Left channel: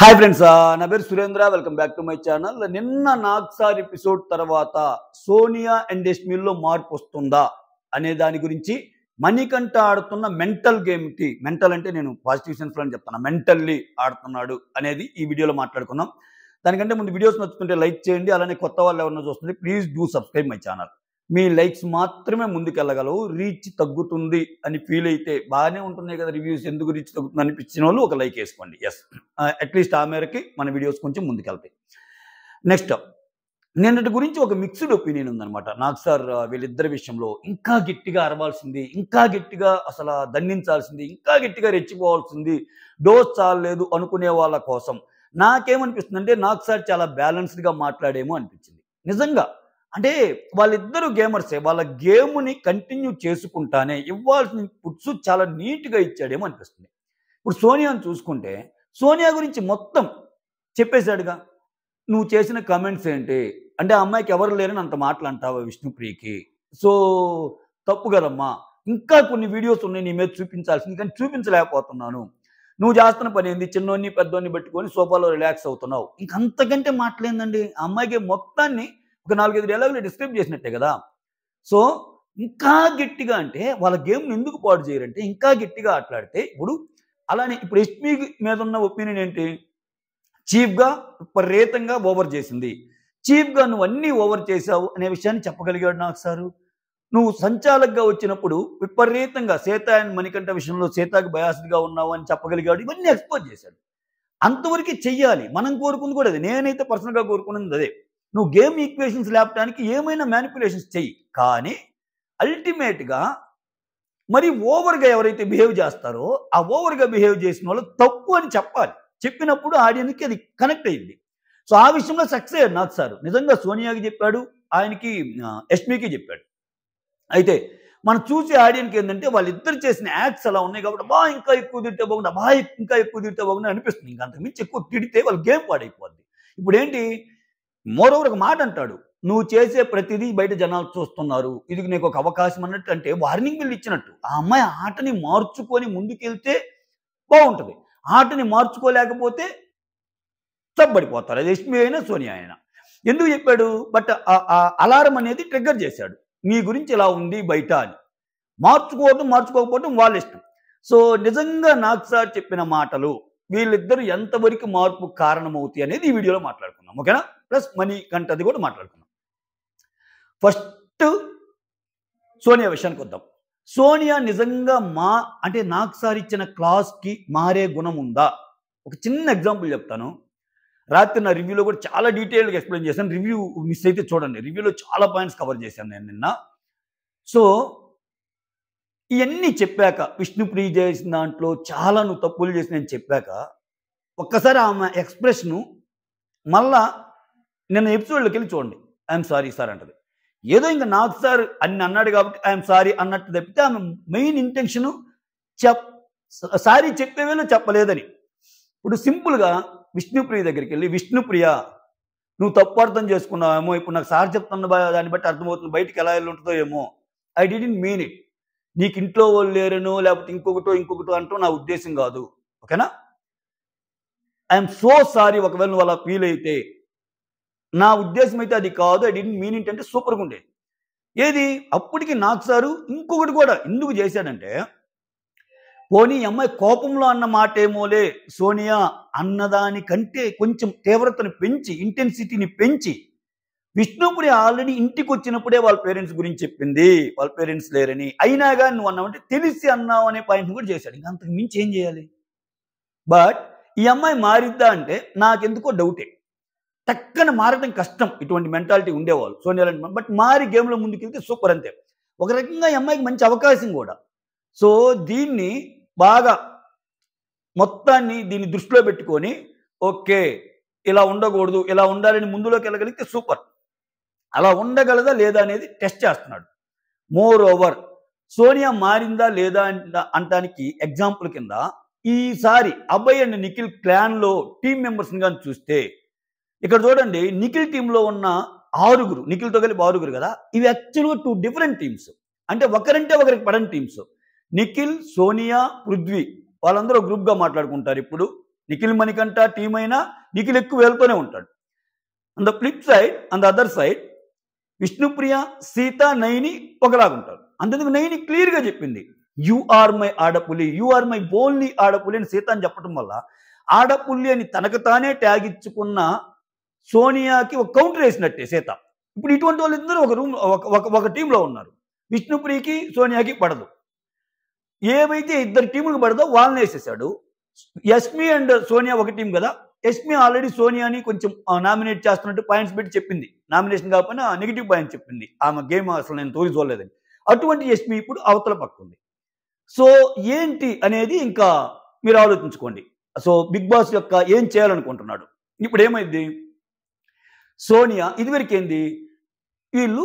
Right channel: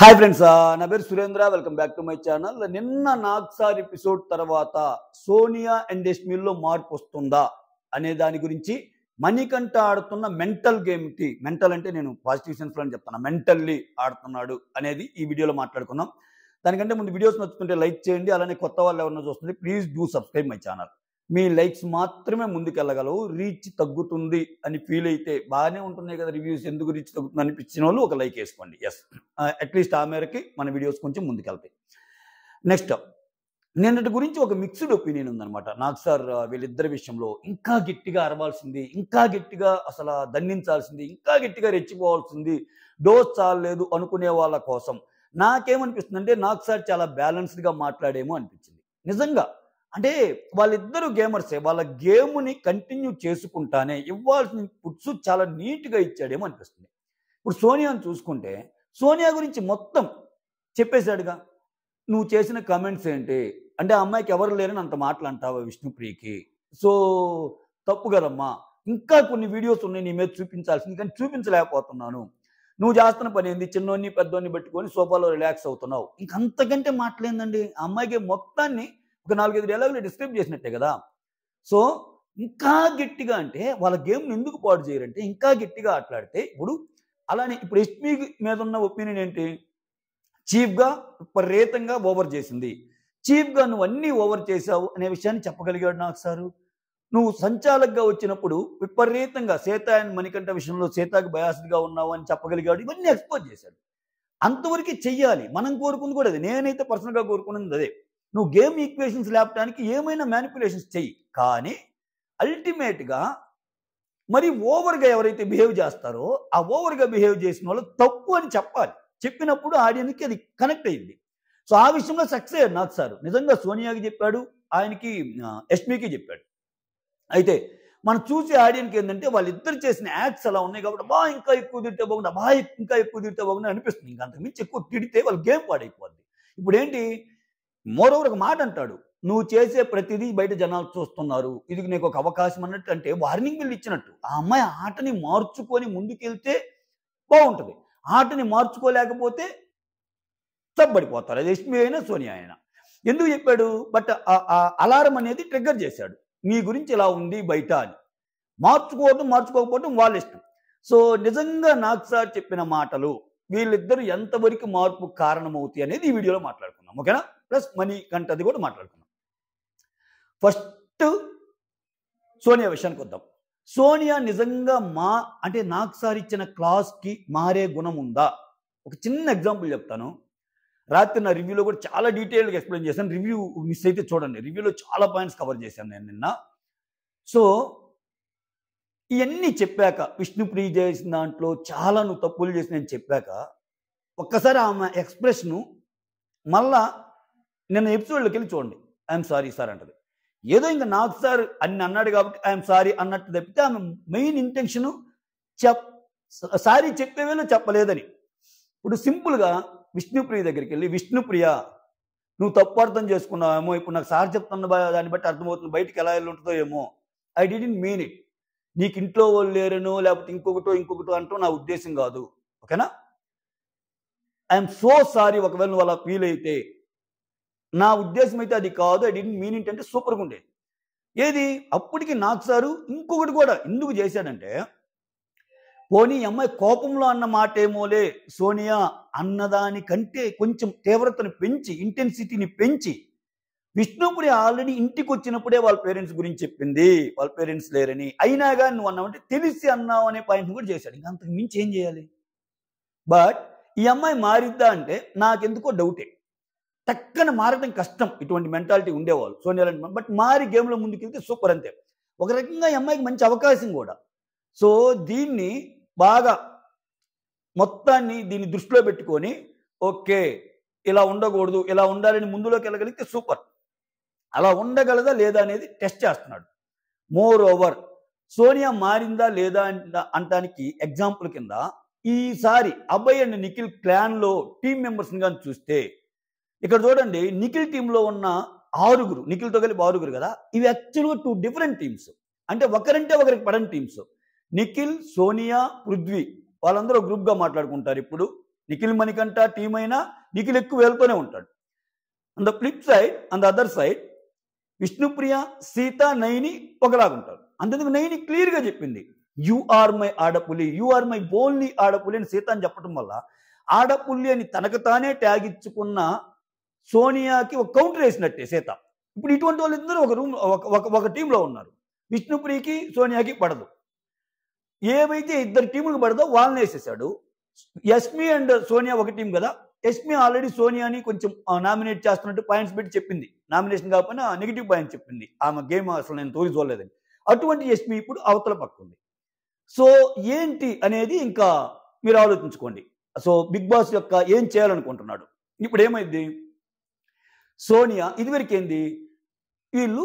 Hi friends, నా పేరు Surendra. Welcome back to my channel. నిన్న నాగ్సార్ ఎపిసోడ్ తర్వాత సోనియా అండ్ యష్మిల్లో మార్పు వస్తుందా అనే దాని గురించి మణికంఠ ఆడుతున్న మెంటల్ గేమ్కి, మెంటల్ అంటే నేను పాజిటివ్ సెన్స్లో అని చెప్తాను, మెంటల్లీ ఆడుతున్నాడు అనేది ఈ వీడియోలో మాట్లాడుకుందాం. దానికంటే ముందు వీడియోస్ నచ్చుతుంటే లైక్ చేయండి. అలానే కొత్త వాళ్ళు ఎవరైనా చూస్తుంటే please do subscribe my channel. Me likes మాత్రమే ముందుకెళ్ళగలవు. రీచ్ తగ్గుతుంది అని ఫీల్ అయితే, బాగానే ఉంటున్నాయి కదా రివ్యూస్, ఎందుకు రీచ్ తగ్గుతుంది అనిపించిన వాళ్ళు ఒక లైక్ వేసుకోండి. ఎస్, అట్లీస్ట్ ఆ మేరకి మన వీడియోస్ కొంచెం ముందుకెళ్తాయి. నెక్స్ట్, నిన్నటి గురించి ఒక మిక్స్డ్ ఒపీనియన్ ఉందన్నమాట. నాగ్సార్ వీళ్ళిద్దరి విషయంలో ఇంకా గట్టిగా అరవాల్సింది, ఇంకా గట్టిగా అసలు దండించాల్సింది, ఇంకా గట్టిగా రెచ్చిపోవాల్సింది, డోస్ చాలలేదు అనుకునే వాళ్ళ కోసం నాకేమనిపిస్తుంది అంటే నాగ్సార్ చాలా బ్యాలెన్స్డ్గా మాట్లాడేమో అనిపించింది. నిజంగా అంటే వాళ్ళిద్దరు గేమర్సే, వాళ్ళ గేమ్ని కంటిన్యూ చేసుకుంటానే ఇవ్వాల్సిన పుట్స్ చాలా నీట్గా ఇచ్చాడేమో అనిపిస్తుంది. ఇప్పుడు సోనియాను చూసుకుంటే, సోనియా గురించి మొత్తం చెప్పేశాడుగా. నువ్వు చేసిన కమెంట్స్ ఏంటి అంటే, ఆ అమ్మాయికి ఎవరు లేరని అంత మాటలు అంటావా విష్ణుప్రియకి? సో తప్పు కదమ్మా. ఇంకా కొన్ని వీడియోస్ ఉన్నాయి నీ మీద చూపించాల్సింది, కానీ చూపించలేకపోతున్నాను. నువ్వు చేస్తున్న పని ఏంది? చిన్నోన్ని పెద్దోన్ని పెట్టుకొని సోఫాలో రిలాక్స్ అవుతున్నావు. ఇంకంతకంటే మాటలేందండి. ఆ అమ్మాయికి మొత్తాన్ని ఒక 4-5 డైలాగులు డిస్క్రైబ్ చేసినట్టే కదా. సో ఇంకా గట్టిగా అంటే వాళ్ళ గేమ్ని ఎందుకు పాడు చేయరంటే, ఇంకా గట్టిగా ఆటలాడితే ఇప్పుడు అలానే ఇప్పుడు ఎస్పీ మీద ఉన్న ఒపీనియన్ ఏంటి? చీఫ్గా విపరీతంగా ఓవర్ చేసింది. చీఫ్గా నువ్వు అన్నీ ఓవర్ చేశావు అనే విషయాన్ని చెప్పగలిగాడు నాకు సారు. నువ్వు సంచాలకుగా వచ్చినప్పుడు విపరీతంగా సీత అండ్ మణికంఠ విషయంలో సీతాకి బయాస్డ్గా ఉన్నావు అని చెప్పగలిగాడు. ఇవన్నీ ఎక్స్పోజ్ చేశాడు. అంతవరకు చెయ్యాలి. మనం కోరుకుంది కూడా అది. నేనైతే పర్సనల్గా కోరుకున్నది అదే. నువ్వు గేమ్ ఈక్వేషన్స్ లేపడానికి ఏమైనా మ్యానిపులేషన్స్ చెయ్యి, కానీ అల్టిమేట్గా మరి ఓవర్గా ఎవరైతే బిహేవ్ చేస్తారో ఆ ఓవర్గా బిహేవ్ చేసిన వాళ్ళు తప్పు అని చెప్పాలి. చెప్పినప్పుడు ఆడియన్స్కి అది కనెక్ట్ అయ్యింది. సో ఆ విషయంలో సక్సెస్ అయ్యాడు నాకు సార్. నిజంగా సోనియాకి చెప్పాడు, ఆయనకి యష్మికి చెప్పాడు. అయితే మనం చూసే ఆడియన్కి ఏంటంటే వాళ్ళిద్దరు చేసిన యాక్ట్స్ అలా ఉన్నాయి కాబట్టి ఇంకా ఎక్కువ తిడితే బాగుంది, ఇంకా ఎక్కువ తిడితే బాగుంది అనిపిస్తుంది. ఇంకా అంతకుమించి ఎక్కువ తిడితే వాళ్ళ గేమ్ పాడైపోద్ది. ఇప్పుడు ఏంటి, మోరోవర్ ఒక మాట అంటాడు, నువ్వు చేసే ప్రతిదీ బయట జనాలు చూస్తున్నారు, ఇది నీకు ఒక అవకాశం అన్నట్టు, అంటే వార్నింగ్ బిల్ ఇచ్చినట్టు. ఆ అమ్మాయి ఆటని మార్చుకొని ముందుకెళ్తే బాగుంటుంది. ఆటని మార్చుకోలేకపోతే తప్పబడిపోతారు. అది యష్మి అయినా సోనియా అయినా. ఎందుకు చెప్పాడు? బట్ అలారం అనేది ట్రిగ్గర్ చేశాడు, నీ గురించి ఇలా ఉంది బయట అని. మార్చుకోకపోవడం వాళ్ళ ఇష్టం. సో నిజంగా నాగ్సార్ చెప్పిన మాటలు వీళ్ళిద్దరూ ఎంతవరకు మార్పు కారణమవుతాయి అనేది ఈ వీడియోలో మాట్లాడుకుందాం, ఓకేనా? ప్లస్ మణికంఠది కూడా మాట్లాడుకుందాం. ఫస్ట్ సోనియా విషయానికి వద్దాం. సోనియా నిజంగా అంటే నాగ్సార్ ఇచ్చిన క్లాస్కి మారే గుణం ఉందా? ఒక చిన్న ఎగ్జాంపుల్ చెప్తాను. రాత్రి నా రివ్యూలో కూడా చాలా డీటెయిల్గా ఎక్స్ప్లెయిన్ చేశాను. రివ్యూ మిస్ అయితే చూడండి, రివ్యూలో చాలా పాయింట్స్ కవర్ చేశాను నేను నిన్న. సో ఇవన్నీ చెప్పాక, విష్ణుప్రియ చేసిన దాంట్లో చాలా నువ్వు తప్పులు చేసి నేను చెప్పాక, ఒక్కసారి ఆమె ఎక్స్ప్రెషను మళ్ళా నిన్న ఎపిసోడ్లోకి వెళ్ళి చూడండి. ఐఎమ్ సారీ సార్ అంటది. ఏదో ఇంకా నాకు సార్ అన్ని అన్నాడు కాబట్టి ఐఎమ్ సారీ అన్నట్టు తప్పితే ఆమె మెయిన్ ఇంటెన్షను సారీ చెప్పేవేలో చెప్పలేదని. ఇప్పుడు సింపుల్గా విష్ణుప్రియ దగ్గరికి వెళ్ళి, విష్ణుప్రియ నువ్వు తప్పు అర్థం చేసుకున్నావేమో, ఇప్పుడు నాకు సార్ చెప్తున్న దాన్ని బట్టి అర్థమవుతుంది, బయటికి ఎలా వెళ్ళి ఉంటుందో ఏమో, ఐ డిడ్ంట్ మీన్ ఇట్. నీకు ఇంట్లో వాళ్ళు లేరనో లేకపోతే ఇంకొకటో అంటూ నా ఉద్దేశం కాదు, ఓకేనా? ఐఎమ్ సో సారీ ఒకవేళ నువ్వు అలా ఫీల్ అయితే. నా ఉద్దేశం అయితే అది కాదు, ఐ డిడ్ంట్ మీన్ ఇట్ అంటే సూపర్గా ఉండేది. ఏది అప్పటికి నాకు సారు ఇంకొకటి కూడా ఎందుకు చేశాడంటే, పోనీ అమ్మాయి కోపంలో అన్న మాట ఏమోలే సోనియా అన్నదానికంటే కొంచెం తీవ్రతను పెంచి, ఇంటెన్సిటీని పెంచి, విష్ణుప్రియ ఆల్రెడీ ఇంటికి వచ్చినప్పుడే వాళ్ళ పేరెంట్స్ గురించి చెప్పింది, వాళ్ళ పేరెంట్స్ లేరని, అయినా కానీ నువ్వు అన్నావంటే తెలిసి అన్నావు అనే పాయింట్ కూడా చేశాడు. ఇంకా అంతకు మించి ఏం చేయాలి? బట్ ఈ అమ్మాయి మారిద్దా అంటే నాకెందుకో డౌటే. టక్కన మారడం కష్టం ఇటువంటి మెంటాలిటీ ఉండేవాళ్ళు సోనియా. బట్ మారి గేమ్లో ముందుకెళ్తే సూపర్ అంతే. ఒక రకంగా ఈ అమ్మాయికి మంచి అవకాశం కూడా. సో దీన్ని బాగా మొత్తాన్ని దీన్ని దృష్టిలో పెట్టుకొని, ఓకే ఇలా ఉండకూడదు, ఇలా ఉండాలని ముందులోకి వెళ్ళగలిగితే సూపర్. అలా ఉండగలదా లేదా అనేది టెస్ట్ చేస్తున్నాడు. మోర్ ఓవర్ సోనియా మారిందా లేదా అంటానికి ఎగ్జాంపుల్ కింద ఈసారి అభయ్ అండ్ నిఖిల్ క్లాన్లో టీం మెంబర్స్ని కానీ చూస్తే, ఇక్కడ చూడండి నిఖిల్ టీంలో ఉన్న 6, నిఖిల్తో కలిపి 6 కదా. ఇవి యాక్చువల్గా 2 డిఫరెంట్ టీమ్స్. అంటే ఒకరంటే ఒకరికి పడని టీమ్స్. నిఖిల్, సోనియా, పృథ్వీ వాళ్ళందరూ గ్రూప్గా మాట్లాడుకుంటారు ఇప్పుడు. నిఖిల్ మణికంఠ టీం అయినా నిఖిల్ ఎక్కువ వెళ్తూనే ఉంటాడు. On the flip side, on the other side Vishnupriya, Sita, Naini ఒకలాగుంటారు. అందుకు నైని క్లియర్గా చెప్పింది, యు ఆర్ మై ఆడపులి, యు ఆర్ మై ఓన్లీ ఆడపులి అని సీత అని చెప్పడం వల్ల ఆడపుల్లి అని తనకు తానే ట్యాగ్ ఇచ్చుకున్న సోనియాకి ఒక కౌంటర్ వేసినట్టే సీత. ఇప్పుడు ఇటువంటి వాళ్ళిద్దరూ ఒక రూమ్ ఒక టీంలో ఉన్నారు. విష్ణుప్రియకి సోనియాకి పడదు. ఏవైతే ఇద్దరు టీములకు పడదో వాళ్ళని వేసేసాడు. యష్మి అండ్ సోనియా ఒక టీం కదా. యష్మి ఆల్రెడీ సోనియాని కొంచెం నామినేట్ చేస్తున్నట్టు పాయింట్స్ పెట్టి చెప్పింది. నామినేషన్ కాకపోయినా నెగిటివ్ పాయింట్స్ చెప్పింది, ఆమె గేమ్ అసలు నేను తోరి చూడలేదని. అటువంటి యష్మి ఇప్పుడు అవతల పక్కుంది. సో ఏంటి అనేది ఇంకా మీరు ఆలోచించుకోండి. సో బిగ్ బాస్ యొక్క ఏం చేయాలనుకుంటున్నాడు. ఇప్పుడు ఏమైంది, సోనియా ఇదివరకు ఏంది, వీళ్ళు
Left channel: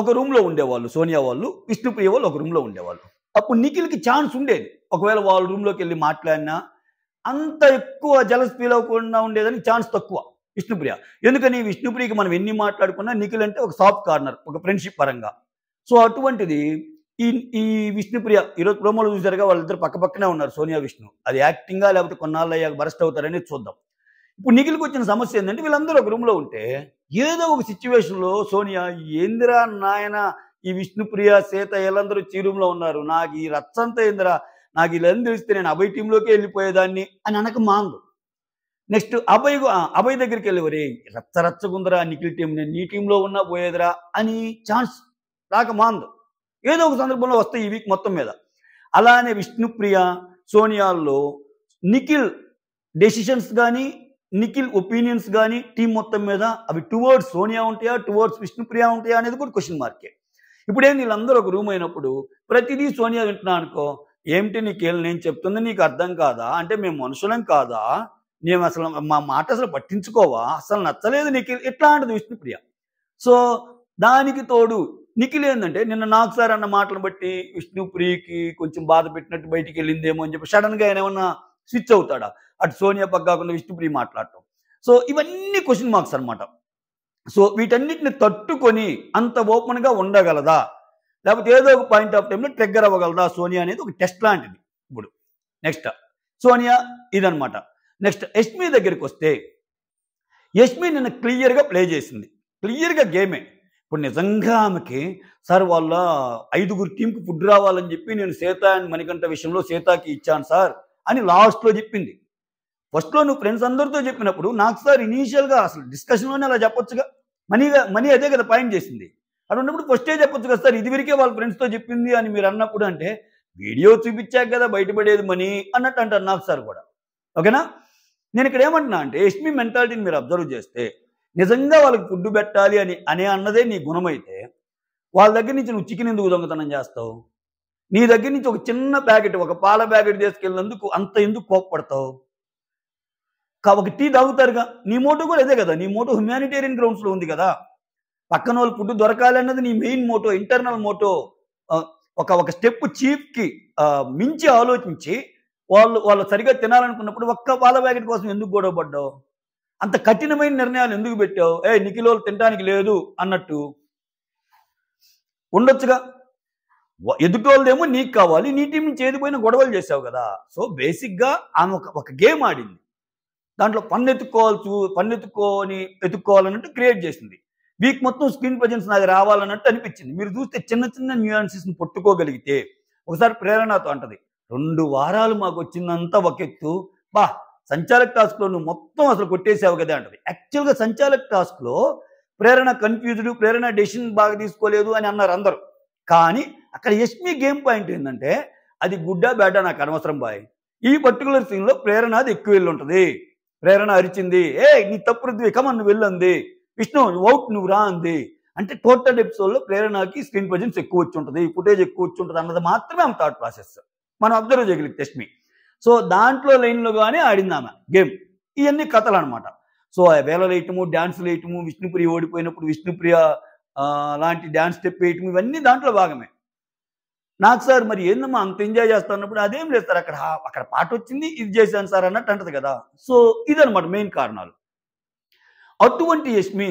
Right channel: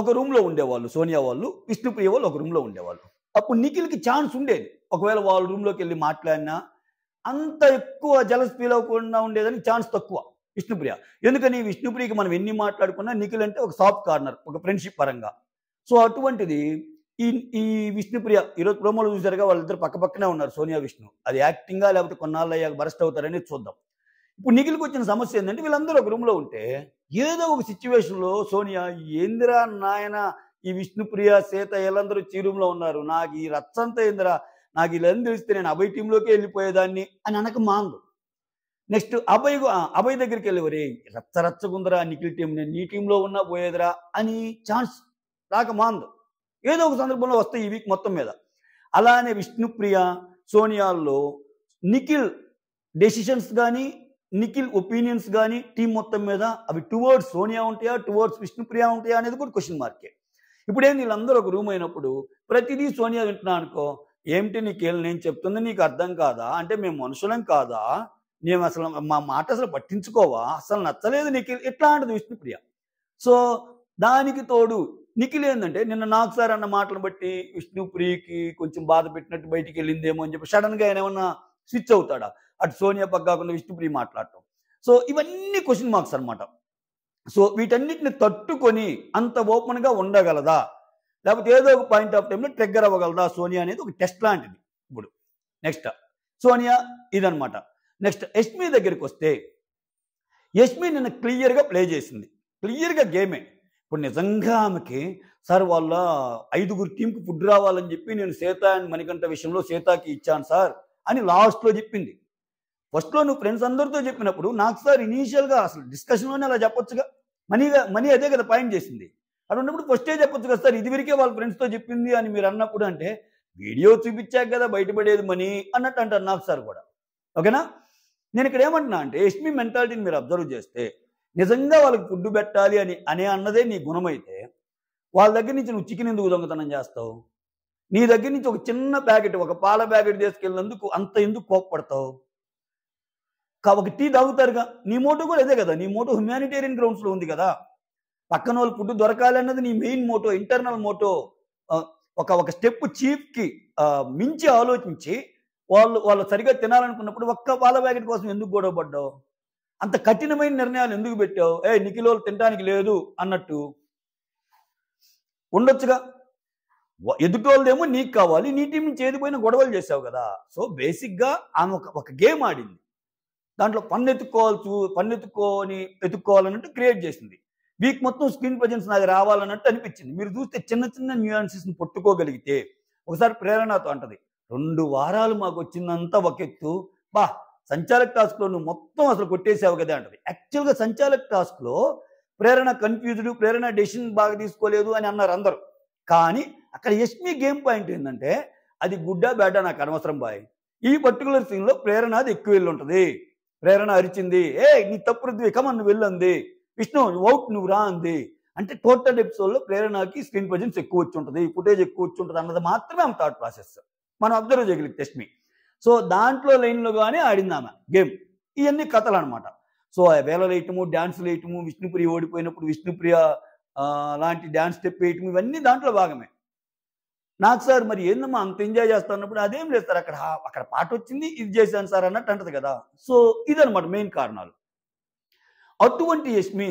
ఒక రూమ్లో ఉండేవాళ్ళు, సోనియా వాళ్ళు విష్ణుప్రియ వాళ్ళు ఒక రూమ్లో ఉండేవాళ్ళు. అప్పుడు నిఖిల్కి ఛాన్స్ ఉండేది, ఒకవేళ వాళ్ళ రూమ్లోకి వెళ్ళి మాట్లాడినా అంత ఎక్కువ జలస్ ఫీల్ అవ్వకుండా ఉండేదని ఛాన్స్ తక్కువ విష్ణుప్రియ. ఎందుకని, విష్ణుప్రియకి మనం ఎన్ని మాట్లాడుకున్నా నిఖిల్ అంటే ఒక సాఫ్ట్ కార్నర్, ఒక ఫ్రెండ్షిప్ పరంగా. సో అటువంటిది ఈ విష్ణుప్రియ ఈరోజు ప్రోమోలో చూసారుగా, వాళ్ళిద్దరు పక్క పక్కనే ఉన్నారు సోనియా విష్ణు. అది యాక్టింగా లేకపోతే కొన్నాళ్ళు అయ్యాక బరస్ట్ అవుతారని చూద్దాం. ఇప్పుడు నిఖిల్కి వచ్చిన సమస్య ఏంటంటే, వీళ్ళందరూ ఒక రూమ్లో ఉంటే ఏదో ఒక సిచ్యువేషన్లో సోనియా, ఏందిరా నాయన ఈ విష్ణుప్రియ, సీత వీళ్ళందరూ ఈ రూమ్లో ఉన్నారు, నాకు ఈ రచ్చంతా ఏందిరా, నాకు వీళ్ళని తెలిస్తే నేను అభయ్ టీంలోకి వెళ్ళిపోయేదాన్ని అని అనక మాందు. నెక్స్ట్ అభయ్ దగ్గరికి వెళ్ళి, వరే రచ్చగుందరా నిఖిల్ టీం, నేను నీ టీంలో ఉన్నా పోయేదిరా అని ఛాన్స్ రాక మాందు. ఏదో ఒక సందర్భంలో వస్తాయి ఈ వీక్ మొత్తం మీద. అలానే విష్ణుప్రియ, సోనియాల్లో నిఖిల్ డెసిషన్స్ కానీ నిఖిల్ ఒపీనియన్స్ కానీ టీం మొత్తం మీద అవి టువర్డ్స్ సోనియా ఉంటాయా, టువర్డ్స్ విష్ణుప్రియ ఉంటాయా అనేది కూడా క్వశ్చన్ మార్కే. ఇప్పుడేం వీళ్ళందరూ ఒక రూమ్ అయినప్పుడు ప్రతిదీ సోనియా వింటున్నా అనుకో, ఏమిటి నిఖిల్ నేను చెప్తుంది నీకు అర్థం కాదా, అంటే మేము మనుషులం కాదా, మేము అసలు మా మాట అసలు పట్టించుకోవా, అసలు నచ్చలేదు నిఖిల్, ఇట్లాంటిది విష్ణుప్రియ. సో దానికి తోడు నిఖిల్ ఏంటంటే, నిన్న నాకు సార్ అన్న మాటలను బట్టి విష్ణుప్రియకి కొంచెం బాధ పెట్టినట్టు బయటికి వెళ్ళిందేమో అని చెప్పి సడన్గా ఆయన ఏమన్నా స్విచ్ అవుతాడా, అటు సోనియా పక్కాకుండా విష్ణుప్రియ మాట్లాడటం. సో ఇవన్నీ క్వశ్చన్ మార్క్స్ అనమాట. సో వీటన్నిటిని తట్టుకొని అంత ఓపెన్గా ఉండగలదా, లేకపోతే ఏదో ఒక పాయింట్ ఆఫ్ టైంలో ట్రిగ్గర్ అవ్వగలదా సోనియా అనేది ఒక టెస్ట్ లాంటిది. ఇప్పుడు నెక్స్ట్ సోనియా ఇదనమాట. నెక్స్ట్ యష్మి దగ్గరికి వస్తే, యష్మి నిన్న క్లియర్గా ప్లే చేసింది, క్లియర్గా గేమే. ఇప్పుడు నిజంగా ఆమెకి సార్ వాళ్ళ 5గురు టీంకి ఫుడ్ రావాలని చెప్పి నేను సీత అండ్ మణికంఠ విషయంలో సీతాకి ఇచ్చాను సార్ అని లాస్ట్లో చెప్పింది. ఫస్ట్లో నువ్వు ఫ్రెండ్స్ అందరితో చెప్పినప్పుడు నాకు సార్ ఇనీషియల్గా అసలు డిస్కషన్లోనే అలా చెప్పొచ్చుగా, మనీ అదే కదా పాయింట్ చేసింది. అలా ఉన్నప్పుడు ఫస్టే చెప్పొచ్చు కదా సార్, ఇదివరకే వాళ్ళ ఫ్రెండ్స్తో చెప్పింది అని మీరు అన్నప్పుడు, అంటే వీడియో చూపించాక కదా బయటపడేది మనీ అన్నట్టు అంటారు నాకు సార్ కూడా. ఓకేనా, నేను ఇక్కడ ఏమంటున్నా అంటే, యష్మి మెంటాలిటీని మీరు అబ్జర్వ్ చేస్తే, నిజంగా వాళ్ళకి ఫుడ్ పెట్టాలి అని అన్నదే నీ గుణమైతే, వాళ్ళ దగ్గర నుంచి నువ్వు చికెన్ ఎందుకు దొంగతనం చేస్తావు, నీ దగ్గర నుంచి ఒక చిన్న ప్యాకెట్, ఒక పాల ప్యాకెట్ తీసుకెళ్ళినందుకు అంత ఎందుకు కోప్పడతావు, ఒక టీ తాగుతారుగా, నీ మోటో కూడా అదే కదా, నీ మోటో హ్యుమానిటేరియన్ గ్రౌండ్స్లో ఉంది కదా, పక్కన వాళ్ళు ఫుడ్ దొరకాలి అన్నది నీ మెయిన్ మోటో, ఇంటర్నల్ మోటో. ఒక స్టెప్ చీఫ్కి మించి ఆలోచించి వాళ్ళు సరిగా తినాలనుకున్నప్పుడు ఒక్క పాల ప్యాకెట్ కోసం ఎందుకు గొడవ పడ్డావు, అంత కఠినమైన నిర్ణయాలు ఎందుకు పెట్టావు, నిఖిల్ వాళ్ళు తినడానికి లేదు అన్నట్టు ఉండొచ్చుగా. ఎదుటోళ్ళదేమో నీకు కావాలి, నీ టీం నుంచి ఏదిపోయినా గొడవలు చేసావు కదా. సో బేసిక్గా ఆమె ఒక గేమ్ ఆడింది, దాంట్లో ఎత్తుక్కోవాలన్నట్టు క్రియేట్ చేసింది. వీక్ మొత్తం స్క్రీన్ ప్రజెన్స్ నాకు రావాలన్నట్టు అనిపించింది. మీరు చూస్తే చిన్న చిన్న న్యూయాన్సెస్ని పట్టుకోగలిగితే, ఒకసారి ప్రేరణతో అంటది, 2 వారాలు మాకు వచ్చిందంతా ఒక ఎత్తు, బా సంచాలక్ టాస్క్లో నువ్వు మొత్తం అసలు కొట్టేసావు కదా అంటది. యాక్చువల్గా సంచాలక్ టాస్క్లో ప్రేరణ కన్ఫ్యూజ్డ్, ప్రేరణ డెసిషన్ బాగా తీసుకోలేదు అని అన్నారు అందరూ. కానీ అక్కడ యష్మి గేమ్ పాయింట్ ఏంటంటే, అది గుడ్డా బ్యాడా నాకు అనవసరం బాయ్, ఈ పర్టికులర్ సీన్లో ప్రేరణ అది ఎక్కువ వెళ్ళి ఉంటుంది. ప్రేరణ అరిచింది, నీ తప్పు రుద్వి కమన్ నువ్వు వెళ్ళంది, విష్ణు నువ్వు అవుట్ నువ్వు రా అంది. అంటే టోటల్ ఎపిసోడ్లో ప్రేరణకి స్క్రీన్ ప్రజెన్స్ ఎక్కువ వచ్చి ఉంటుంది, ఫుటేజ్ ఎక్కువ వచ్చి ఉంటుంది అన్నది మాత్రమే ఆమె థాట్ ప్రాసెస్ మనం అబ్జర్వ్ చేయగలిగితే యష్మి. సో దాంట్లో లైన్లో కానీ ఆడింది ఆమె గేమ్. ఇవన్నీ కథలు అనమాట. సో వేళలు వేయటము, డ్యాన్సులు వేయటము, విష్ణుప్రియ ఓడిపోయినప్పుడు విష్ణుప్రియ లాంటి డ్యాన్స్ స్టెప్ వేయటం, ఇవన్నీ దాంట్లో భాగమే. నాకు సార్ మరి ఏందమ్మా అంత ఎంజాయ్ చేస్తున్నప్పుడు, అదేం లేదు సార్, అక్కడ పాట వచ్చింది ఇది చేశాను సార్ అన్నట్టు అంటది కదా. సో ఇదనమాట మెయిన్ కారణాలు. అటువంటి యష్మి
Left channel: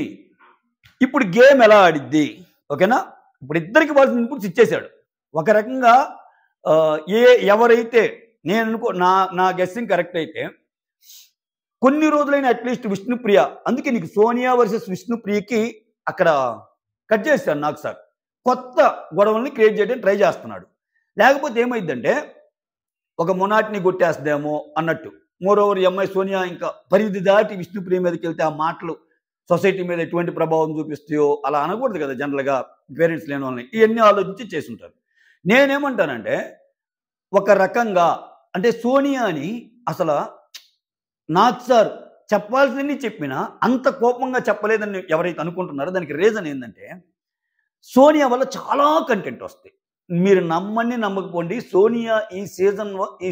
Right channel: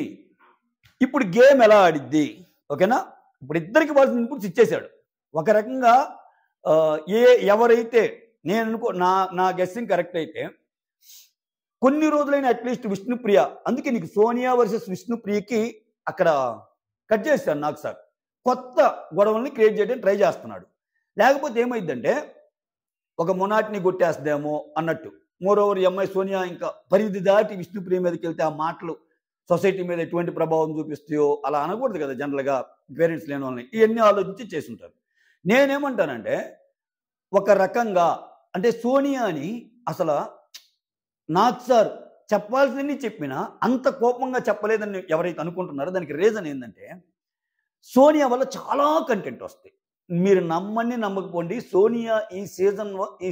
ఇప్పుడు గేమ్ ఎలా ఆడిద్ది, ఓకేనా. ఇప్పుడు ఇద్దరికి వాళ్ళని ఇన్పుట్స్ ఇచ్చేశాడు. ఒక రకంగా ఎవరైతే నేను నా గెస్సింగ్ కరెక్ట్ అయితే కొన్ని రోజులైన అట్లీస్ట్ విష్ణుప్రియ, అందుకే నీకు సోనియా వర్సెస్ విష్ణుప్రియకి అక్కడ కట్ చేస్తాను నాకు సార్, కొత్త గొడవల్ని క్రియేట్ చేయడానికి ట్రై చేస్తున్నాడు. లేకపోతే ఏమైందంటే ఒక మొనాటిని కొట్టేస్తుందేమో అన్నట్టు. మోరోవర్ ఎంఐ సోనియా ఇంకా పరిధి దాటి విష్ణుప్రియ మీదకి వెళ్తే ఆ మాటలు సొసైటీ మీద ఎటువంటి ప్రభావం చూపిస్తాయో అలా అనకూడదు కదా జనరల్గా పేరెంట్స్ లేని వాళ్ళని. ఇవన్నీ ఆలోచించి చేసుంటారు. నేనేమంటానంటే ఒక రకంగా అంటే సోనియాని అసలు నాకు సార్ చెప్పాల్సిందని చెప్పినా అంత కోపంగా చెప్పలేదని ఎవరైతే అనుకుంటున్నారో దానికి రీజన్ ఏంటంటే సోనియా వల్ల చాలా కంటెంట్ వస్తాయి. మీరు నమ్మని నమ్మకపోండి, సోనియా ఈ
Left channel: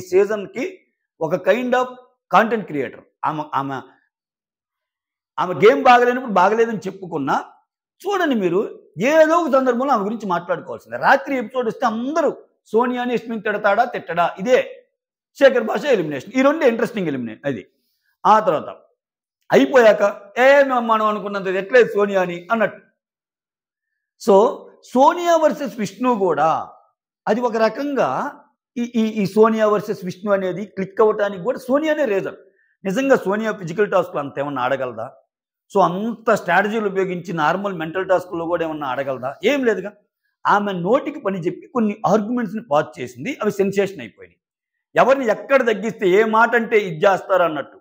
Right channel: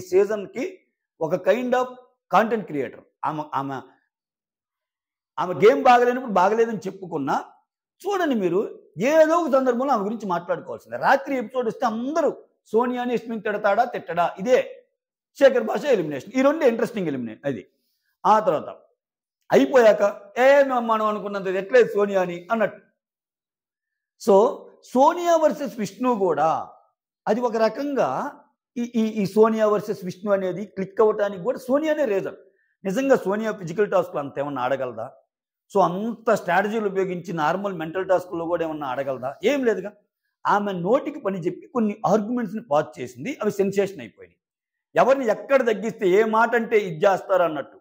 సీజన్కి ఒక కైండ్ ఆఫ్ కాంటెంట్ క్రియేటర్. ఆమె గేమ్ బాగలేనప్పుడు బాగలేదని చెప్పుకున్నా చూడండి మీరు ఏదో ఒక సందర్భంలో ఆమె గురించి మాట్లాడుకోవాల్సిందే. రాత్రి ఎపిసోడ్ వస్తే అందరూ సోనియాని యష్మిన్ తిడతాడా తిట్టడా, ఇదే శేఖర్ భాష ఎలిమినేషన్, ఈ రెండు ఇంట్రెస్టింగ్ ఎలిమినేషన్. అది ఆ తర్వాత అయిపోయాక మనం అనుకున్నంత ఎట్లేదు సోనియాని అన్నట్టు. సో సోనియా వర్సెస్ విష్ణు కూడా అది ఒక రకంగా ఈ సోనియా వర్సెస్ విష్ణు అనేది క్లిక్ అవ్వటానికి కూడా సోనియానే రీజన్. నిజంగా సోనియా ఫిజికల్ టాస్క్లో అంత ఏమన్నా ఆడగలదా? సో అంత స్ట్రాటజీలు ఉపయోగించి నార్మల్ మెంటల్ టాస్క్లో కూడా ఏమన్నా ఆడగలదా? ఏం లేదుగా. ఆమె నోటికి పని చెప్పి కొన్ని ఆర్గ్యుమెంట్స్ని పాస్ చేసింది, అవి సెన్సేషన్ అయిపోయినాయి. ఎవరిని ఎక్కడ తగ్గిస్తే ఏ మాట అంటే ఇది చేస్తారు అన్నట్టు.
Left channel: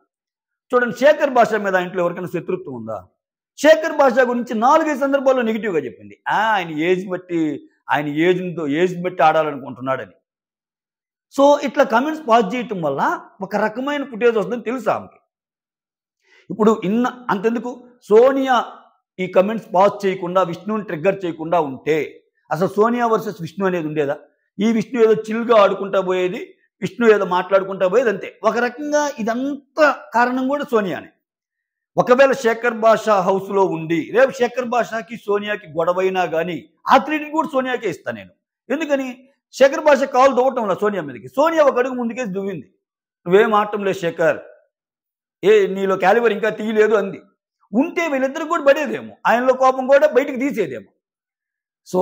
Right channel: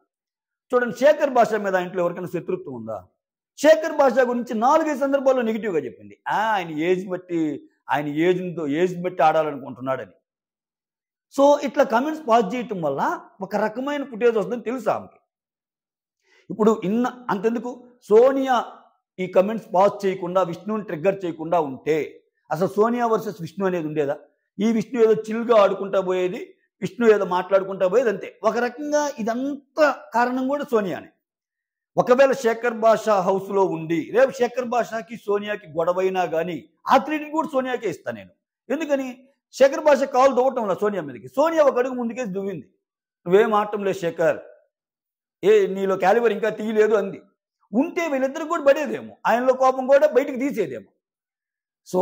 చూడండి శేఖర్ భాష మీద ఇంట్లో ఎవరికైనా శత్రుత్వం ఉందా? శేఖర్ భాష గురించి 4-5 సందర్భాల్లో నెగిటివ్గా చెప్పింది. ఆయన ఏజ్ బట్టి ఆడాలనుకుంటున్నాడని. సో ఇట్లా కమెంట్స్ పాస్ చేయటం వల్ల ఒక రకమైన ఫుటేజ్ వస్తుందని తెలుసు ఆమెకి. ఇప్పుడు అంతెందుకు సోనియా ఈ కమెంట్స్ పాస్ చేయకుండా విష్ణుని ట్రిగ్గర్ చేయకుండా ఉంటే అసలు సోనియా వర్సెస్ విష్ణు అనేది ఉండేదా? ఈ విష్ణు ఏదో చిల్గా ఆడుకుంటా పోయేది, విష్ణు ఏదో మాట్లాడుకుంటా పోయేది, అంతే. ఒక రకంగా ఇదంతా కారణం కూడా సోనియానే. ఒకవేళ శేఖర్ భాష హౌస్లో ఉండి రేపు శేఖర్ భాషకి సోనియాకి గొడవైనా కానీ ఆ క్రెడిట్ కూడా సోనియాకే ఇస్తాను నేను. ఎందుకని శేఖర్ భాష కాల్ దూవటం వల్ల సోనియా మీదకి, సోనియా ఒక అడుగు ముందుకేసి దువ్వింది. నువ్వేం ఆడటం లేదు శేఖర్, నీలో క్యాలిబర్ ఇంకా తీయలేదు అంది. ఉంటే వీళ్ళిద్దరు కూడా పడేదేమో, ఆయనలో కోపం కూడా బయటికి తీసేదేమో. సో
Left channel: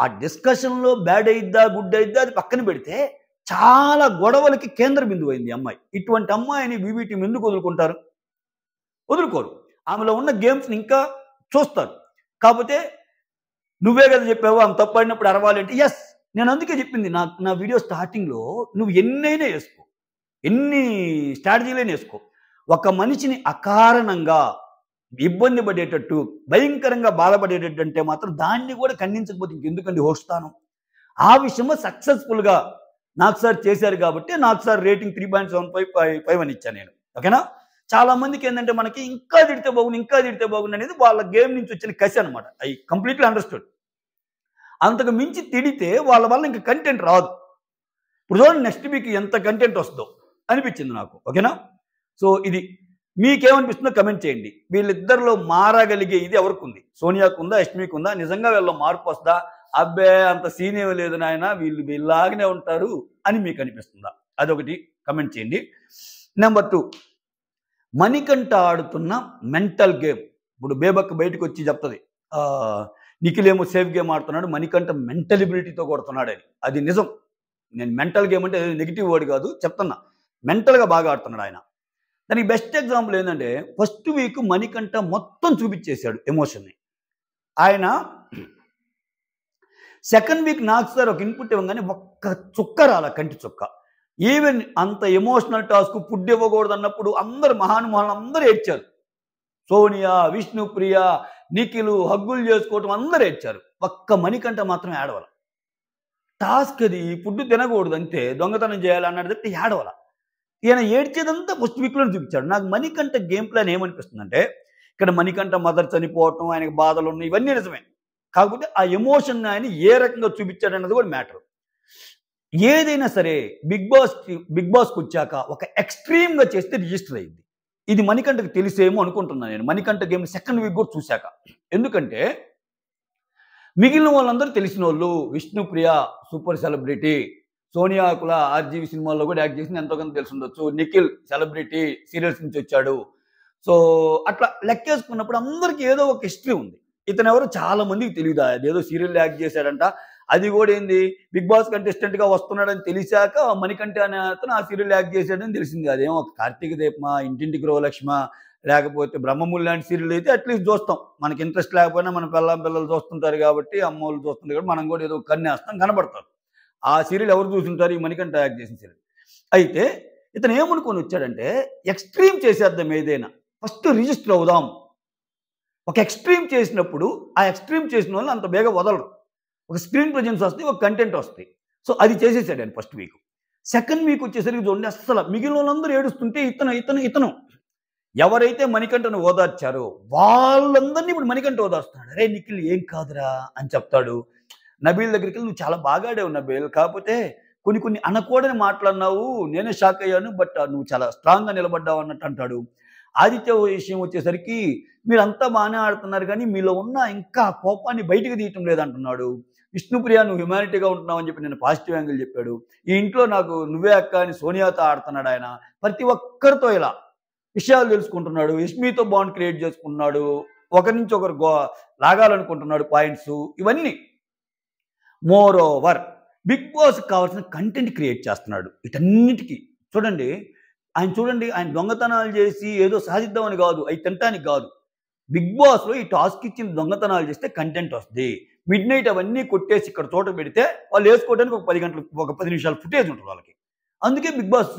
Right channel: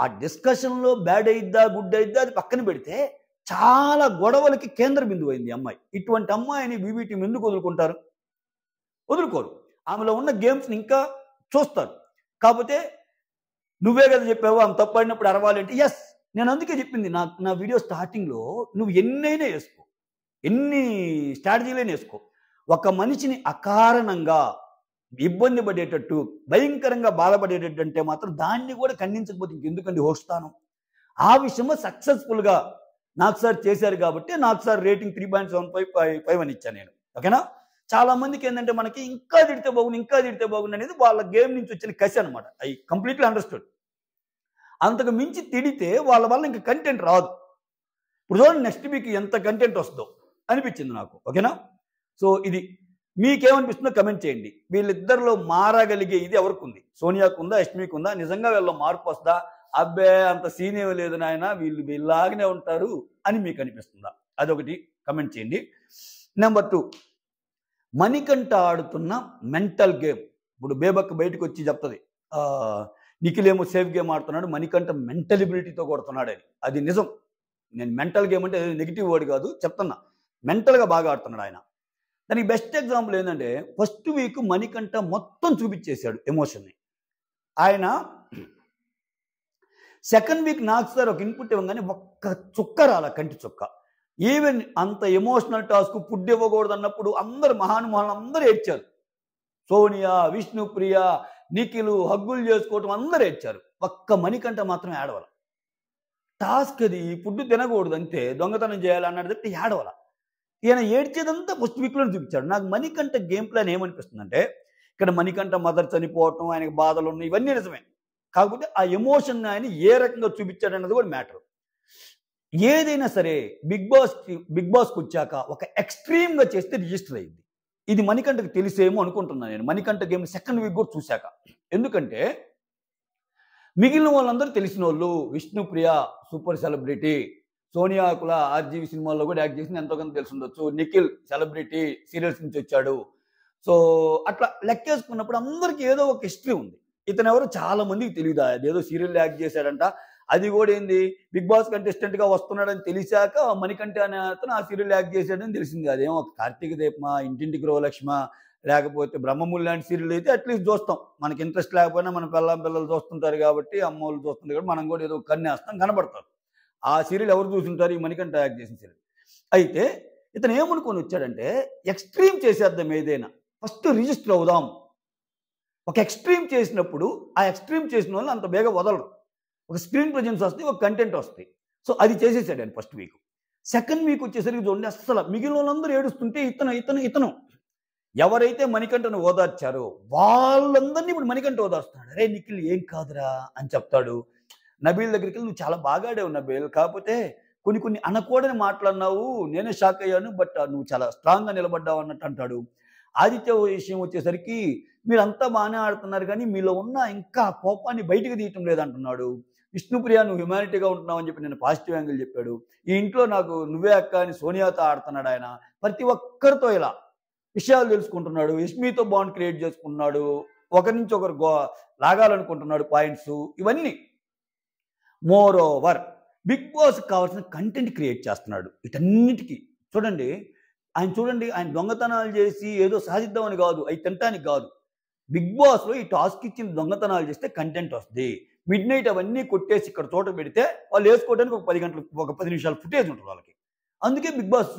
ఆ డిస్కషన్లో బ్యాడ్ అయిద్దా గుడ్ అయిద్దా అది పక్కన పెడితే చాలా గొడవలకి కేంద్ర బిందువు అయింది అమ్మాయి. ఇటువంటి అమ్మాయిని బీబీ టీం ఎందుకు వదులుకుంటారు? వదులుకోరు. ఆమెలో ఉన్న గేమ్స్ని ఇంకా చూస్తారు. కాకపోతే నువ్వే కదా చెప్పావు ఆమె తప్పడినప్పుడు అరవాలి అంటే ఎస్, నేను అందుకే చెప్పింది నా వీడియో స్టార్టింగ్లో, నువ్వు ఎన్నైనా వేసుకో, ఎన్ని స్ట్రాటజీలైనా వేసుకో, ఒక మనిషిని అకారణంగా ఇబ్బంది పడేటట్టు భయంకరంగా బాధపడేటట్టు అంటే మాత్రం దాన్ని కూడా ఖండించకపోతే ఇంకెందుకండి హోస్తాను. ఆ విషయంలో సక్సెస్ఫుల్గా నాకు సార్ చేశారు కాబట్టి నాకు సార్ రేటింగ్ 3.75 అని ఇచ్చాను నేను. ఓకేనా? చాలా మందికి ఏంటంటే మనకి ఇంకా తిడితే బాగుంది అనేది వాళ్ళ గేమ్ నుంచి వచ్చిన కసి అనమాట. I completely understood. అంతకు మించి తిడితే వాళ్ళ వల్ల ఇంకా కంటెంట్ రాదు. ఇప్పుడు చూడండి నెక్స్ట్ వీక్ ఎంత కంటెంట్ వస్తుందో అనిపించింది నాకు. ఓకేనా? సో ఇది మీకేమనిపిస్తుందో కమెంట్ చేయండి. వీళ్ళిద్దరిలో మారగలిగే ఇది ఎవరికి ఉంది? సోనియాకు ఉందా, యష్మికి ఉందా? నిజంగా వీళ్ళలో మార్పు వస్తుందా? అబ్బే అంత సీన్ ఏమి లేదు నాయన, వీళ్ళలాగానే ఉంటారు అని మీకు అనిపిస్తుందా? అదొకటి కమెంట్ చేయండి. నెంబర్ 2, మణికంఠ ఆడుతున్న మెంటల్ గేమ్. ఇప్పుడు బేబక్ బయటకు వచ్చి చెప్తుంది నిఖిల్ ఏమో సేఫ్ గేమ్ ఆడుతున్నాడు, మణికంఠ మెంటల్ ఎబిలిటీతో కొడుతున్నాడు అని. అది నిజం. నేను మెంటల్ గేమ్ అంటే నెగిటివ్ వర్డ్ కాదు చెప్తున్నా, మెంటల్గా బాగా ఆడుతున్నాడు ఆయన. దానికి బెస్ట్ ఎగ్జాంపుల్ ఏంటంటే ఫస్ట్ వీక్ మణికంఠ మొత్తం చూపించేశాడు ఎమోషన్ని. ఆయన సెకండ్ వీక్ నాకు సార్ ఒక ఇన్పుట్ ఇవ్వగానే ఒక్క చుక్క రాల, కంటి చుక్క. ఈవెన్ అంత ఎమోషనల్ టాస్క్ ఫుడ్ ఇవ్వకూడదు అన్నప్పుడు అందరు మహానుభావులు అందరూ ఏడ్చారు. సోనియా, విష్ణుప్రియ, నిఖిల్ హగ్గులు చేసుకోవటం అందరూ ఏడ్చారు. ఒక్క మణికంఠ మాత్రం ఏడవల. టాస్క్ అది ఫుడ్ తినకూడదు అంతే, దొంగతనం చేయాలి అన్నది తప్పి ఏడవల. ఈయన ఏడ్చేదంతా ఫస్ట్ వీక్లో చూపించాడు. నాకు మణికంఠ గేమ్ ప్లాన్ ఏమనిపిస్తుందంటే ఇక్కడ మణికంఠ మదర్ చనిపోవటం, ఆయనకు బాధలు ఉన్నాయి, ఇవన్నీ నిజమే. కాకపోతే ఆ ఎమోషన్ ఆయన ఏ రకంగా చూపించాడు అన్నది కూడా మ్యాటర్. ఏదైనా సరే బిగ్ బాస్కి వచ్చాక ఒక ఎక్స్ట్రీమ్గా చేస్తే రిజిస్టర్ అయింది. ఇది మణికంఠకి తెలిసేమో అనుకుంటున్నాను నేను, మణికంఠ గేమ్ సెకండ్ వీక్ కూడా చూశాక. ఎందుకంటే మిగిలిన వాళ్ళందరూ తెలిసిన వాళ్ళు. విష్ణుప్రియ సూపర్ సెలబ్రిటీ, సోనియా కుల ఆర్జీవి సినిమాల్లో కూడా యాక్ట్ చేసింది, ఎంతో కొంత తెలిసి ఉండొచ్చు. నిఖిల్ సెలబ్రిటీ, సీరియల్స్ నుంచి వచ్చాడు. సో అట్లా లెక్కేసుకున్నప్పుడు అందరికీ ఏదో ఒక హిస్టరీ ఉంది. ఇతను ఎవరు చాలా మందికి తెలియదు. అదేదో సీరియల్ యాక్ట్ చేశాడంట, అది కూడా ఏంది, బిగ్ బాస్ కంటెస్టెంట్ గా వస్తున్నాడని తెలిసాక మణికంఠ అనే అతను ఆ సీరియల్ యాక్ట్ చేశాడని తెలిసింది. అదేమో కార్తీక దీపమా, ఇంటింటి గృహలక్ష్మ, లేకపోతే బ్రహ్మములు లాంటి సీరియల్ అయితే అట్లీస్ట్ చూస్తాం. మనకి ఇంట్రెస్ట్ లేకపోయినా మన పిల్లలు చూస్తుంటారు కాబట్టి, అమ్మోళ్ళు చూస్తుంటారు కాబట్టి మనం కూడా ఏదో కన్నేస్తాం, కనబడతారు. ఆ సీరియల్ ఎవరు చూసుంటారు? ఈ మణికంఠ యాక్ట్ చేసిన సీరియల్. అయితే ఇతను ఏమనుకొని వచ్చాడంటే, ఎక్స్ట్రీమ్ చేసేద్దాం ఏదైనా, ఫస్ట్ రిజిస్టర్ అవుదాం. ఒక ఎక్స్ట్రీమ్ చేసినప్పుడు ఆ ఎక్స్ట్రీమ్ చేసిన వాళ్ళు అంత బేగా వదలరు. ఒక స్క్రీన్ ప్రజెన్స్ వస్తాయి, ఒక కంటెంట్ వస్తాయి. సో అది చేసేసాడు ఆయన ఫస్ట్ వీక్. సెకండ్ వీక్ వచ్చేసరికి చూడండి, అస్సలు మిగిలిన వాళ్ళందరూ ఏడుస్తుంటే ఇతను ఎవరైతే మణికంఠను ఓదార్చారో వాళ్ళందరినీ ఇప్పుడు మణికంఠ ఓదార్స్తున్నాడు. అరే నిఖిల్ ఏం కాదురా అని చెప్తాడు. నబీల్ దగ్గరికి వెళ్ళి, నువ్వు చాలా బాగా ఆడావు నబీల్, కాకపోతే కొన్ని అనకూడని మాట్లాడినావు, నేనే షాక్ అయ్యాను, బట్ నువ్వు చాలా స్ట్రాంగ్గా నిలబడ్డావు అన్నట్టు అంటాడు. ఆదిత్య విషయం వచ్చేసరికి, మీరంతా బాగానే ఆడుతున్నారు కానీ మీలో ఉన్న ఇంకా కోపాన్ని బయటికి తీయటం లేదంటున్నాడు. విష్ణుప్రియ, నువ్వు హ్యుమానిటీగా ఉంటున్నావు అని చెప్పి నేను పాజిటివ్ యాంగిల్ చెప్పాడు. ఈ ఇంట్లో నాకు నువ్వే అక్క అని సోనియాతో ఆడుతున్నాడు ఆయన. ప్రతి ఒక్కరితో ఇలా విషయాలు తెలుసుకుంటున్నాడు. యష్మితో బాండ్ క్రియేట్ చేసుకుంటున్నాడు. ఒకరి నుంచి ఒకరు లాగాలనుకుంటున్నాడు పాయింట్స్. ఇవన్నీ మోర్ ఓవర్ బిగ్ బాస్ కావాల్సిన కంటెంట్ క్రియేట్ చేస్తున్నాడు. వీటన్నిటికీ చూడండి, ఆయన దొంగతనాలు చేసి ఏదో సాధిద్దామని కాదు, అవి తినటానికి కాదు. బిగ్ బాస్లో ఈ టాస్క్ ఇచ్చిన దొంగతనాలు చేస్తే కంటెంట్ వస్తుంది. మిడ్ నైట్ అవన్నీ కొట్టేసి ఇక్కడ చోట పెడితే వాళ్ళు వేసుకోవడానికి ఒక 10 గంటలు, ఒక 10 నిమిషాలు ఫుటేజ్ ఉంటుంది వాళ్ళకి. అందుకే బిగ్ బాస్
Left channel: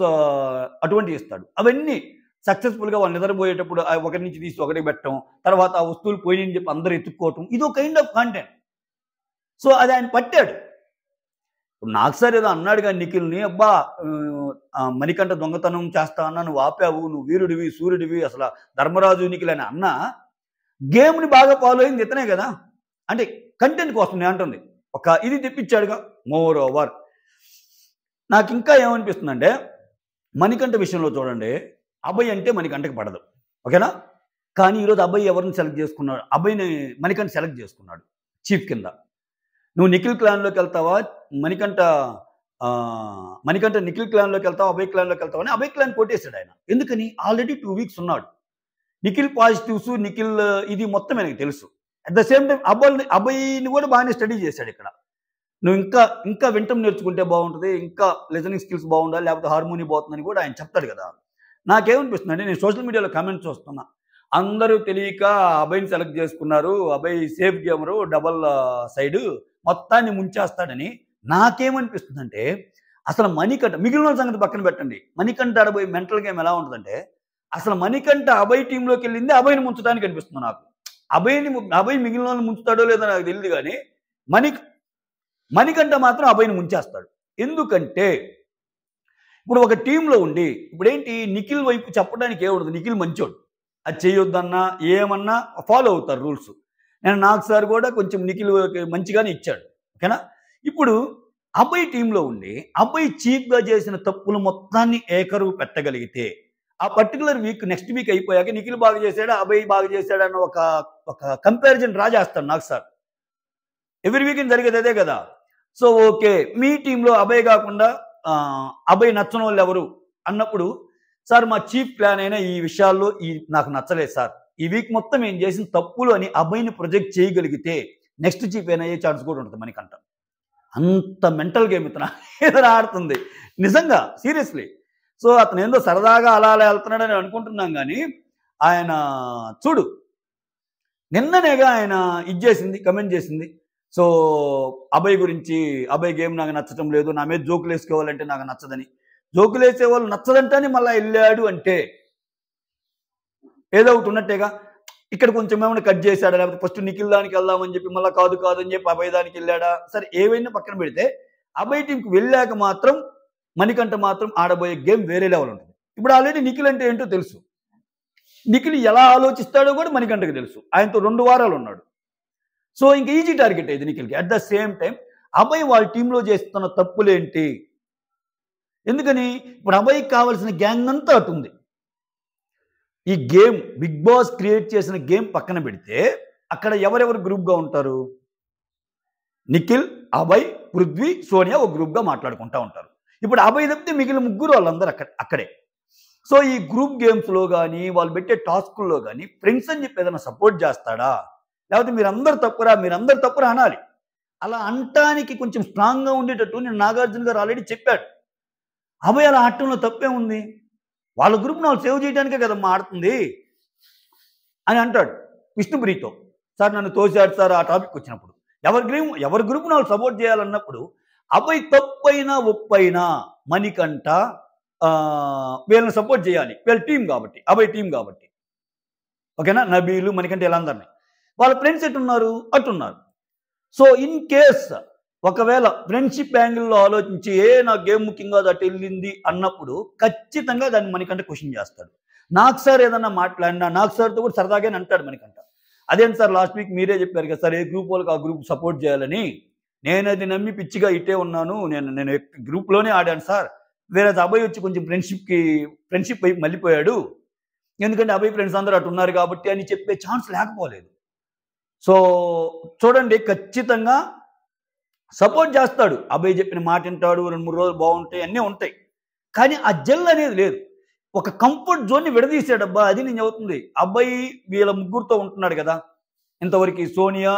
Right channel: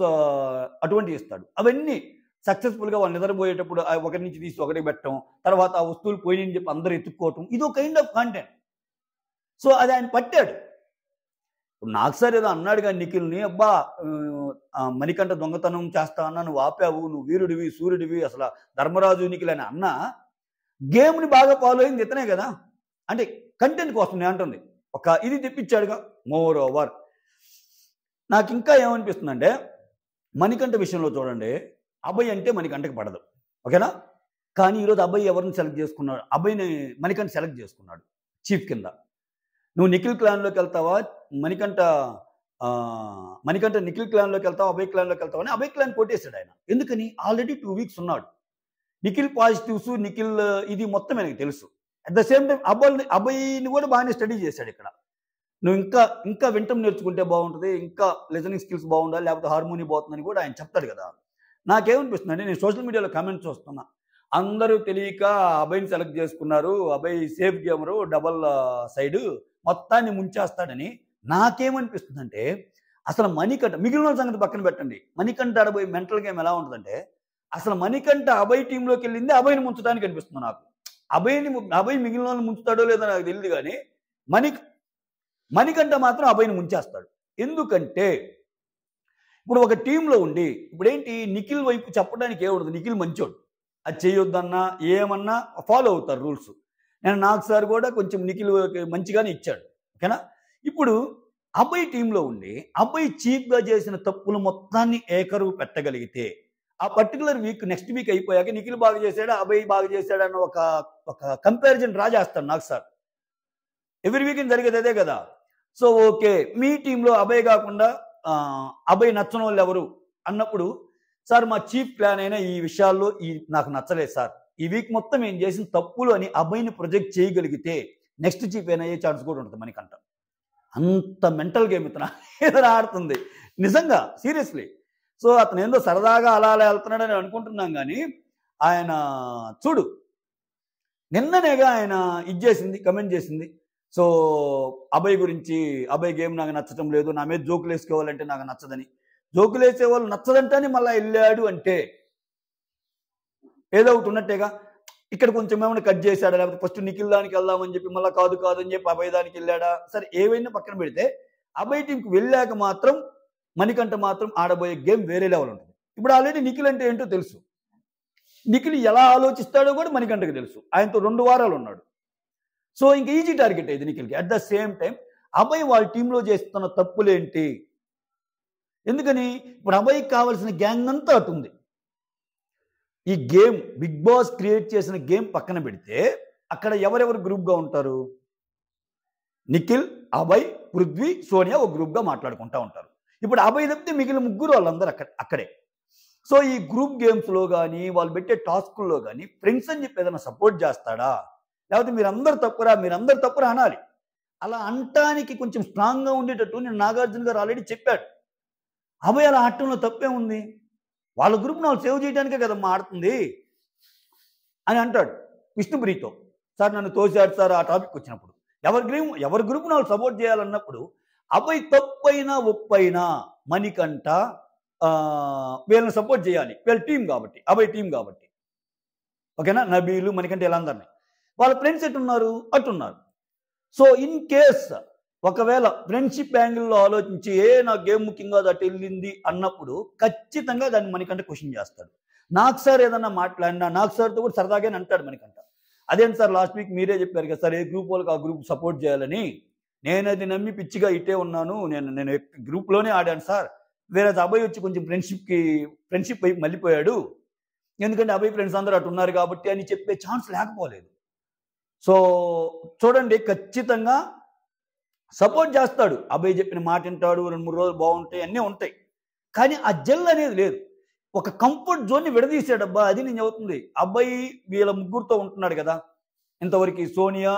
అటువంటి ఇస్తాడు. అవన్నీ సక్సెస్ఫుల్గా వాళ్ళు నిద్రపోయేటప్పుడు ఒకరి నుంచి తీసి ఒకటి పెట్టడం, తర్వాత ఆ వస్తువులు పోయినని చెప్పి అందరూ ఎత్తుక్కోవటం, ఇదో కైండ్ ఆఫ్ కంటెంట్. సో అది ఆయన పట్టాడు. నాకు సార్ ఏదో అన్నాడు కానీ నిఖిల్ని, అబ్బా మణికంఠ దొంగతనం చేస్తా అన్నా, నువ్వు ఆపావు, నువ్వు వీరుడివి, సూర్యుడివి, అసలు ధర్మరాజు నిఖిల్ అని అన్నా, గేమ్ని బాగా ఫాలో అయింది ఇతనే కదా. అంటే కంటెంట్ కోసం నేను అంటుంది, ఒక ఇది తెప్పించాడుగా. మోర్ ఓవర్ నాకు ఇంకా ఏమనిపిస్తుందంటే, మణికంఠ విషయంలో చూడండి, అభయ్ అంటే మణికంఠకి పడదు, ఓకేనా. కానీ ఈరోజు అభయ్ ఎవరిని సెలెక్ట్ చేసుకున్నాడు? అభయ్ని మణికంఠ సెలెక్ట్ చేసుకున్నాడు చీఫ్ కింద. నువ్వు నిఖిల్ క్లాన్లోకి వెళ్తావా, మణికంఠ నిఖిల్ క్లాన్లోకి వెళ్తావా, అభయ్ క్లాన్లోకి వెళ్తావా అని అభయ్ క్లాన్ కొట్టేశాడు ఆయన. ఎందుకని? ఆల్రెడీ 2 వీక్స్ ఉన్నాడు. నిఖిల్ పాజిటివ్స్, నిఖిల్ ఇది మొత్తం ఆయనకు తెలుసు. అట్ ద సేమ్ టైం అభయ్ని కూడా బాగానే స్టడీ చేశాడు ఇక్కడ. నువ్వు ఇంకా వింటం నేర్చుకుంటే బాగుంటుంది, ఇంకా లిజనింగ్ స్కిల్స్ బాగుండాలి, లేకపోతే హార్మోని పోతుందని కూడా ఆయన చెప్తాడు కదా. నాకేమనిపిస్తుంది అంటే, నేను సోషల్ మీడియాలో కామెంట్స్ చూస్తున్నా, అందరూ తెలియక అభయ్ని సెలెక్ట్ చేసుకున్నారు, Abhay safe gamer, double side మొత్తాన్ని ముంచేస్తాడని. నాకేమనిపిస్తుందంటే, అసలు మణికంఠ, మిగిలిన సంగతి పక్కన పెట్టండి, మణికంఠ ఆడబోయే మెంటల్ గేమ్ ఎలా ఉంటుందంటే, అసలు మణికంఠ అభయ్ టీంలోకి వెళ్ళింది అభయ్ని ముంచడానికి అనిపిస్తుంది నాకు. అభయ్ మిగిలిన వాళ్ళని ముంచుతాడో లేదో నాకు తెలియదు కానీ మణికంఠ మాత్రం అభయ్ని ముంచేస్తాడు. ఎందుకంటే ఇప్పుడు ఒక టీంలో ఉండి, ఇప్పుడేంటి, నిఖిల్ వైపు చెప్పడానికి ఏముండదు, నిఖిల్ మంచోడు, అది చేయొద్దన్నా ఏమన్నా ఫాలో అవుతారు రూల్స్. నాకు సార్ కూడా కొంచెం నిఖిల్ మంచిగానే ఇచ్చాడు, ఓకేనా. ఇప్పుడు అభయ్ టీంలో ఉండి అభయ్ చీఫ్గా చేసిన తప్పులు మొత్తాన్ని ఏకరువు పెట్టగలిగితే, ఆ పర్టికులర్ వీక్ నెక్స్ట్ వీక్ అయిపోయాక నిఖిల్ బాగా చేశాడా, అభయ్ బాగా చేశాడా అన్న ఒక కంపారిజన్ డ్రా చేస్తాను నాకు సార్. ఎవ్రీ వీకెండ్ జరిగేది అదే కదా. సో ఓకే, మీ టీంలో అభయ్ కాకుండా అభయ్ నచ్చని వాళ్ళు ఎవరు అన్నప్పుడు, సార్ మా చీఫ్ ప్లాన్ అయినా ఈ విషయాల్లో నాకు నచ్చలేదు సార్, ఈ వీక్ మొత్తం ఏం చేసిన తప్పులు అని అభయ్ని ప్రొజెక్ట్ చేయగలిగితే నెక్స్ట్ చీఫ్ అయినా అయ్యే ఛాన్స్ కూడా ఉంటుంది మనకంట. అంత మెంటల్ గేమ్ ఇతను ఆడుతుంది నిజంగా, సీరియస్లీ. సో అతను ఏందో సరదాగా అలా వెళ్తున్నాడని అనుకుంటున్నాం కానీ, ఆయన చూడు నిన్ననేగా ఆయన చేసింది, కమెంట్ చేసింది. సో అభయ్ గురించి, అభయ్ గేమ్ నాకు నచ్చటం లేదు, నా మీద జోకులు వేసుకోవాలంటే నాకు నచ్చదని. జోకులు వేసే వాళ్ళు నచ్చదంటని మళ్ళీ వెళ్ళాడు అంటే ఏదో ఒకటి ఉన్నట్టేగా. ఇక్కడ కొంచెం ఏమైనా కట్ చేశాడా, లేకపోతే ఫస్ట్ నిఖిల్ దానికి వెళ్దామని చెప్పి మళ్ళీ కాదని చెప్పి అభయ్ దానికి వెళ్ళాడా, సరే ఏవైనా పక్కన పెడితే అభయ్ టీంకి వెళ్ళాక మాత్రం మణికంఠ మాత్రం ఆడబోయే గేమ్ వేరే లెవెల్ ఉంటుంది. ఇప్పుడు ఆల్రెడీ నిఖిల్ అంటే ఏంటో తెలుసు, నిఖిల్ ఎలా ఆలోచిస్తాడో కూడా మణికంఠకి తెలుసు, ఆయనతో 2 వారాలు ఉన్నాడు. సో ఇంక ఈజీ టార్గెట్ అయింది నిఖిల్కి. At the same time Abhay వాళ్ళ టీంలో చేస్తున్న తప్పులేంటి, ఎందుకని ఇప్పుడు అభయ్కి కావాల్సిన గ్యాంగ్ అంతా అటుంది. ఈ గేమ్ బిగ్ బాస్ క్రియేట్ చేసిన గేమ్ పక్కన పెడితే అక్కడ ఎవరెవరు గ్రూప్గా ఉంటారు, నిఖిల్, అభయ్, పృథ్వీ, సోనియా ఒక గ్రూప్గా మాట్లాడుకుంటూ ఉంటారు. ఇప్పుడు అభయ్ తప్పితే మిగిలిన ముగ్గురు వాళ్ళందరూ అక్కడే. సో ఈ గ్రూప్ గేమ్స్లో కానీ వాళ్ళు పెట్టే టాస్కుల్లో కానీ ఫ్రెండ్స్ అని చెప్పి ఏదైనా సపోర్ట్ చేస్తాడా, లేకపోతే మీరందరూ తప్పురా అనాలి. అలా అంటానికి కొంచెం స్ట్రాంగ్గా ఉండేటట్టు నేను నాగార్జున గారు ఆల్రెడీ చెప్పాడు. అభయ్ అలా ఆడటంలో తప్పే ఉంది, వాళ్ళ గ్రూప్ని వాళ్ళు సేవ్ చేయడానికే కదమ్మా ఆడుతుంది అని అంటాడు విష్ణుప్రియతో. సార్ నన్ను తోసాడు సార్ ఆ టాపిక్ వచ్చినప్పుడు. ఎవరి గ్రూప్ని వాళ్ళు సపోర్ట్ చేయాలన్నప్పుడు అభయ్ తప్పైనా ఒప్పైనా మణికంఠ వీళ్ళని సపోర్ట్ చేయాలి, వీళ్ళ టీం కాబట్టి, అభయ్ టీం కాబట్టి. ఓకేనా, నబీలు మణికంఠ వీళ్ళందరినీ వాళ్ళ ఫ్రెండ్స్ ఎట్టున్నారు అట్టున్నారు. సో ఇన్ కేస్ ఒకవేళ ఫ్రెండ్షిప్ యాంగిల్లో ఆలోచించి నా గేమ్ ముఖ్యంగా అటు వెళ్ళింది అన్నప్పుడు ఖచ్చితంగా దాన్ని మణికంఠ క్వశ్చన్ చేస్తాడు. నాకు సార్ ఏదన్నా మాట్లాడినా నాకు సార్తో కూడా సరదాగానే అంటాడు మణికంఠ. అదేంటి సార్ లాస్ట్ వీక్ మీరే చెప్పారు కదా సార్ ఏ గ్రూప్ వాళ్ళకి ఆ గ్రూప్ సపోర్ట్ చేయాలని, నేను అది నమ్మి పిచ్చిగా ఇట్టే ఉన్నాను, నేను గ్రూప్లోనే ఆడాను సార్. వేరే అబ్బాయి వచ్చి కొంచెం ఫ్రెండ్షిప్ వైపు మళ్ళీపోయాడు, ఎందుకంటే అబ్బాయి ఫ్రెండ్స్ అందరూ అటు ఉన్నారు కాబట్టి అని చెప్పే ఛాన్స్ లేకపోలేదు. సో చూడండి, ఖచ్చితంగా సపోర్ట్ చేస్తాడు, అబ్బాయి చెప్పిన మాట వింటాడు, 2-3 రోజులు బాగుంటాయి, అన్నీ ఉంటాయి. కానీ ఆ జెల్ అనేది లేదు, ఒక కంఫర్ట్ జోన్ని విడదీసాడబ్బా. అది నేను చెబుతుంది. అబ్బాయి వీళ్ళ ముగ్గురుతో ఉంటున్నాడు కదా ఇంతవరకు, సోనియా,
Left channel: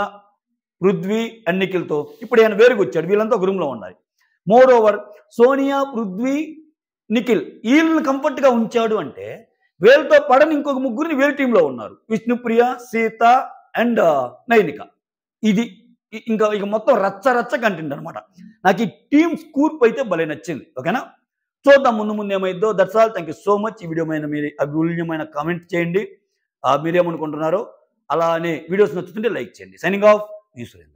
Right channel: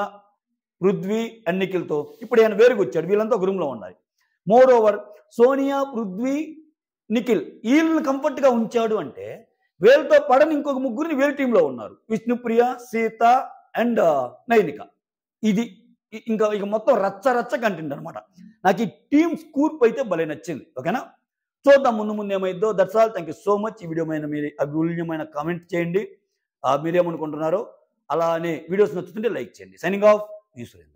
పృథ్వీ అండ్ నిఖిల్తో. ఇప్పుడు ఆయన వేరుగా వచ్చాడు, వీళ్ళంతా ఒక రూమ్లో ఉండాలి. మోర్ ఓవర్ సోనియా, పృథ్వీ, నిఖిల్ వీళ్ళని కంఫర్ట్గా ఉంచాడు అంటే వీళ్ళతో పడని ఇంకొక ముగ్గురిని వీళ్ళ టీంలో ఉన్నారు, విష్ణుప్రియ, సీత అండ్ నైనిక. ఇది ఇక మొత్తం రచ్చ కంటెంట్ అనమాట. నాకు ఈ టీమ్ స్కూర్ప్ అయితే భలే నచ్చింది. ఓకేనా, చూద్దాం ముందు ఏమైందో. That's all. Thank you so much. ఈ వీడియో మీద మీరు అమూల్యమైన కామెంట్ చేయండి, మీరేమనుకుంటున్నారో. అలానే వీడియోస్ నచ్చుతుంటే లైక్ చేయండి. సైనింగ్ ఆఫ్, మీ సురేంద్ర.